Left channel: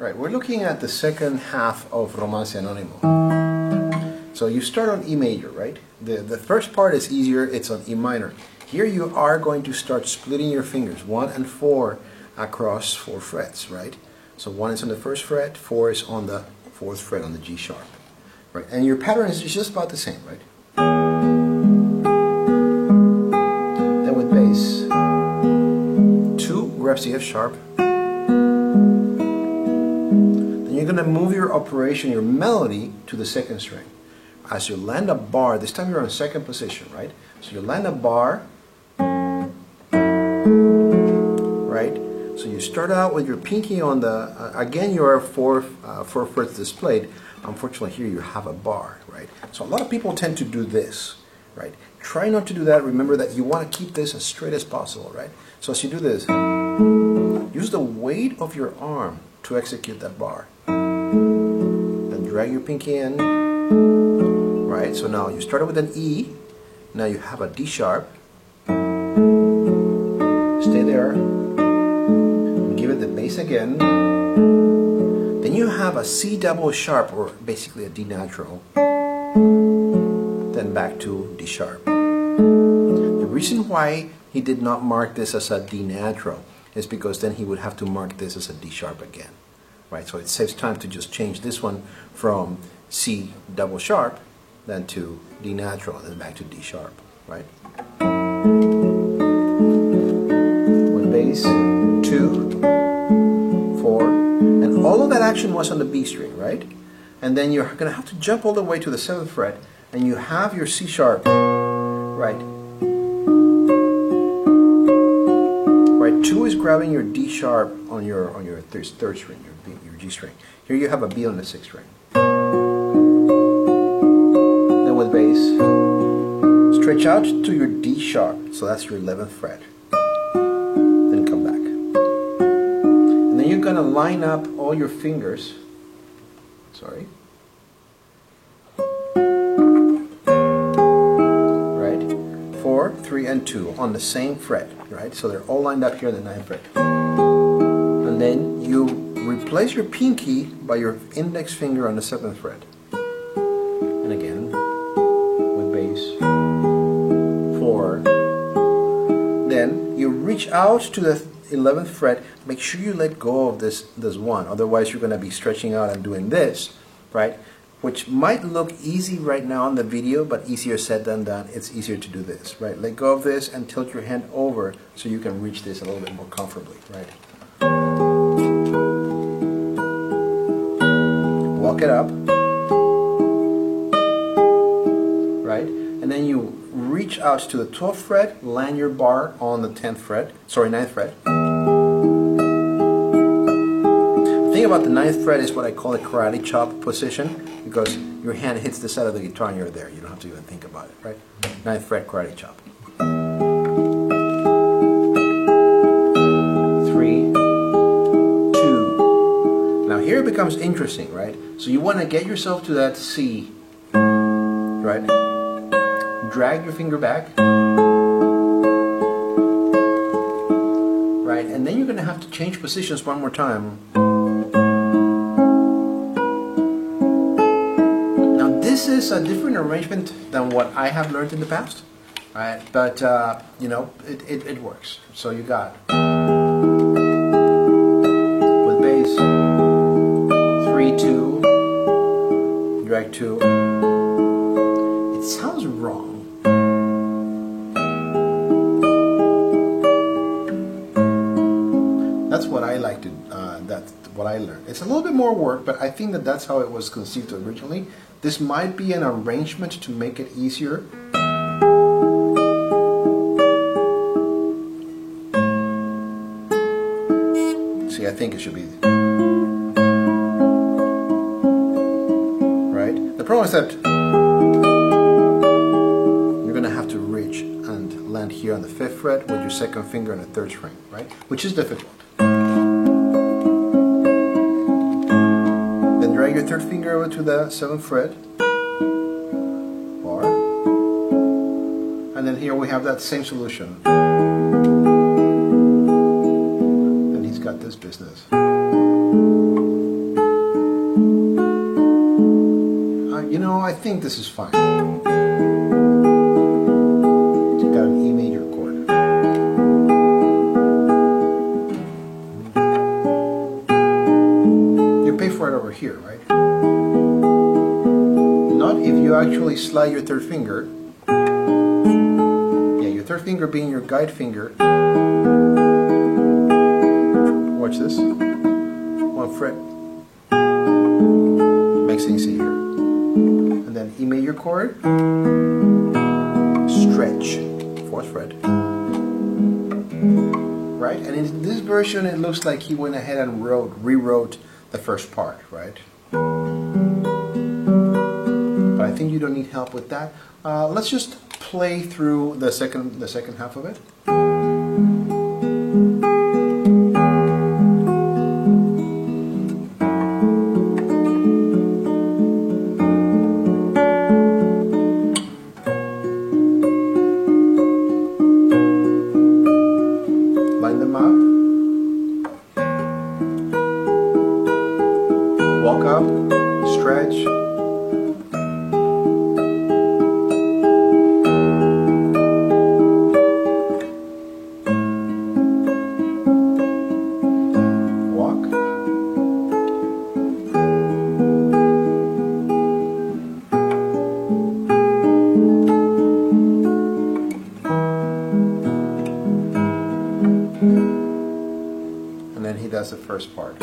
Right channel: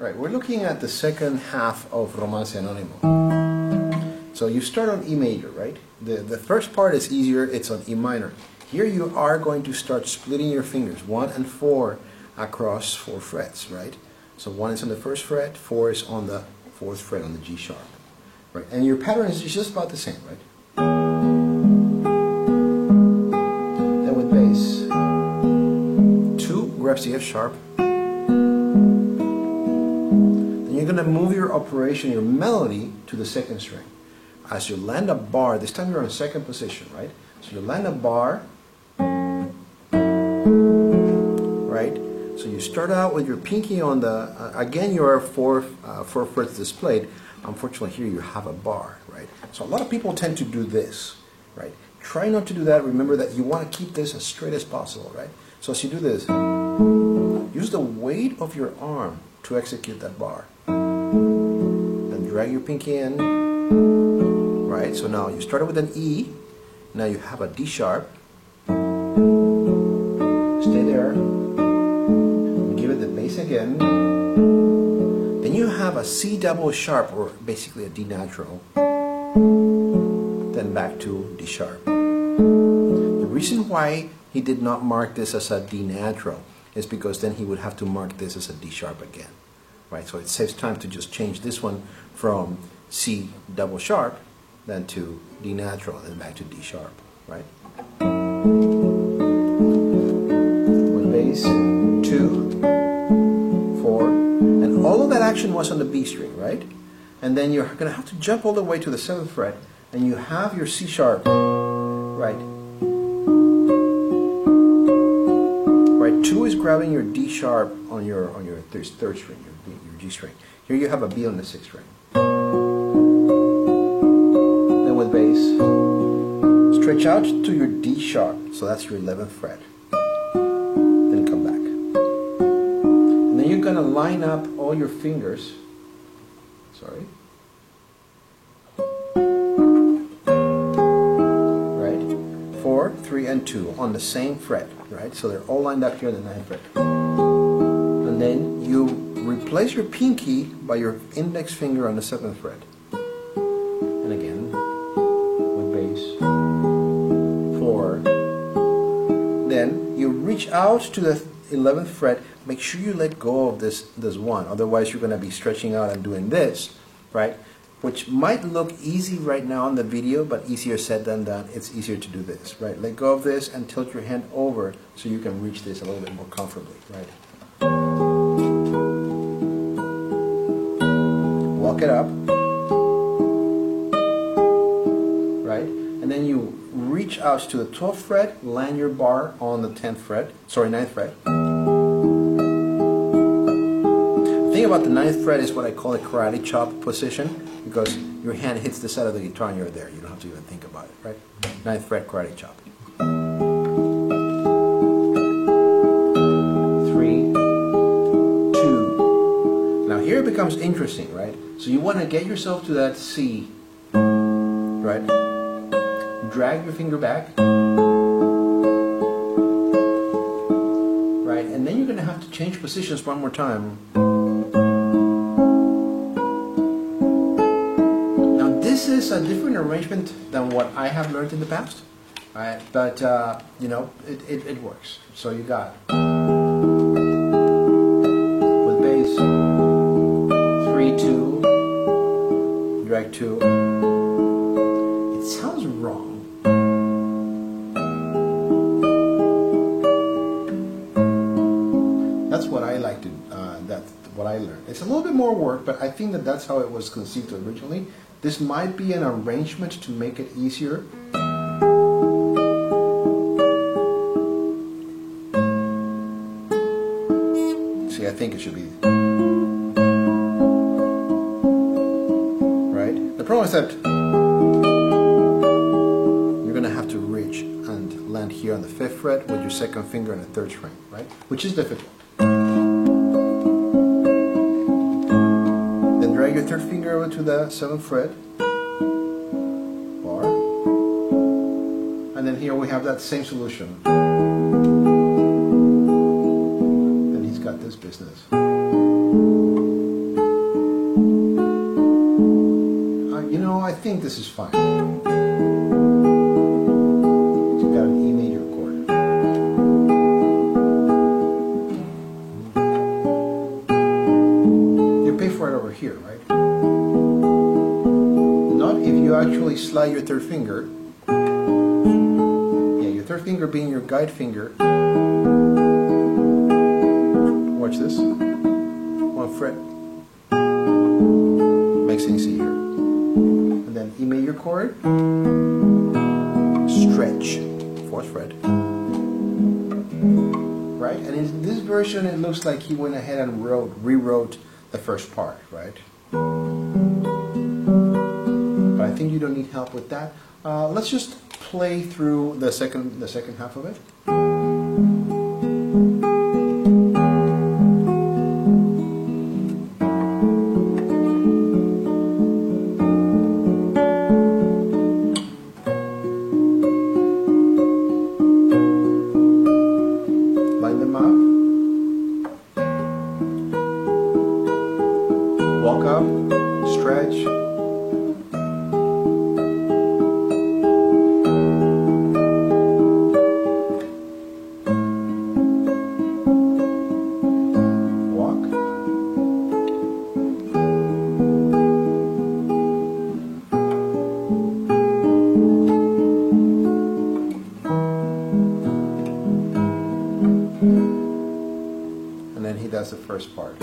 Right, we're looking at the second half of Romance Anonimo. So you start on E major, right? The first part is easier, it's on E minor. Here you are going to start splitting your fingers, 1 and 4 across 4 frets, right? So 1 is on the first fret, 4 is on the 4th fret on the G sharp. Right, and your pattern is just about the same, right? Then with bass, 2 grabs the F sharp. Then you're going to move your operation, your melody, to the 2nd string. As you land a bar, this time you're on 2nd position, right? So you land a bar, right? So you start out with your pinky on the, again you are 4 frets displayed. Unfortunately here you have a bar, right? So a lot of people tend to do this, right? Try not to do that. Remember that you want to keep this as straight as possible, right? So as you do this, use the weight of your arm to execute that bar. Then drag your pinky in, right? So now you started with an E, now you have a D sharp, stay there, give it the bass again, then you have a C double sharp, or basically a D natural, then back to D sharp. The reason why he did not mark this as a D natural is because then he would have to mark this as a D sharp again, right? So it saves time to just change this one from C double sharp then to D natural and then back to D sharp, right? With bass, 2, 4, and all of that action was on the B string, right? And then you're going to have to jump all the way to the 7th fret, and you have your C sharp, right? Right, 2 is grabbing your D sharp on your 3rd string, your G string. Here you have a B on the 6th string. Then with bass, stretch out to your D sharp, so that's your 11th fret. Then come back. And then you're going to line up all your fingers, sorry, right, 4, 3, and 2 on the same fret, right? So they're all lined up here on the 9th fret. And then you replace your pinky by your index finger on the 7th fret. And again, with bass, 4. Then you reach out to the 11th fret. Make sure you let go of this 1, otherwise you're going to be stretching out and doing this, right? Which might look easy right now on the video, but easier said than done. It's easier to do this, right? Let go of this and tilt your hand over so you can reach this a little bit more comfortably, right? Walk it up, right? And then you reach out to the 12th fret, land your bar on the 9th fret. The thing about the 9th fret is what I call a karate chop position, because your hand hits the side of the guitar and you're there. You don't have to even think about it, right? 9th fret karate chop. 3, 2. Now here it becomes interesting, right? So you want to get yourself to that C, right? Drag your finger back, right? And then you're going to have to change positions one more time. This is a different arrangement than what I have learned in the past, right? But you know, it works. So you got with bass, 3, 2, drag 2. It sounds wrong. That's what I like to. That's what I learned. It's a little bit more work, but I think that that's how it was conceived originally. This might be an arrangement to make it easier. See, I think it should be right. The problem is that you're going to have to reach and land here on the 5th fret with your 2nd finger on the 3rd string, right? Which is difficult. Drag your 3rd finger over to the 7th fret, bar, and then here we have that same solution. Then he's got this business. this is fine. It's got an E major chord. You pay for it over here, right? Not if you actually slide your third finger. Yeah, your third finger being your guide finger. Watch this. One fret. Mixing C here. And then E major chord. Stretch. Fourth fret. Right? And in this version it looks like he went ahead and rewrote the first part, right? But I think you don't need help with that. Let's just play through the second half of it. Line them up. Walk up, stretch. Walk. And then he does the first part.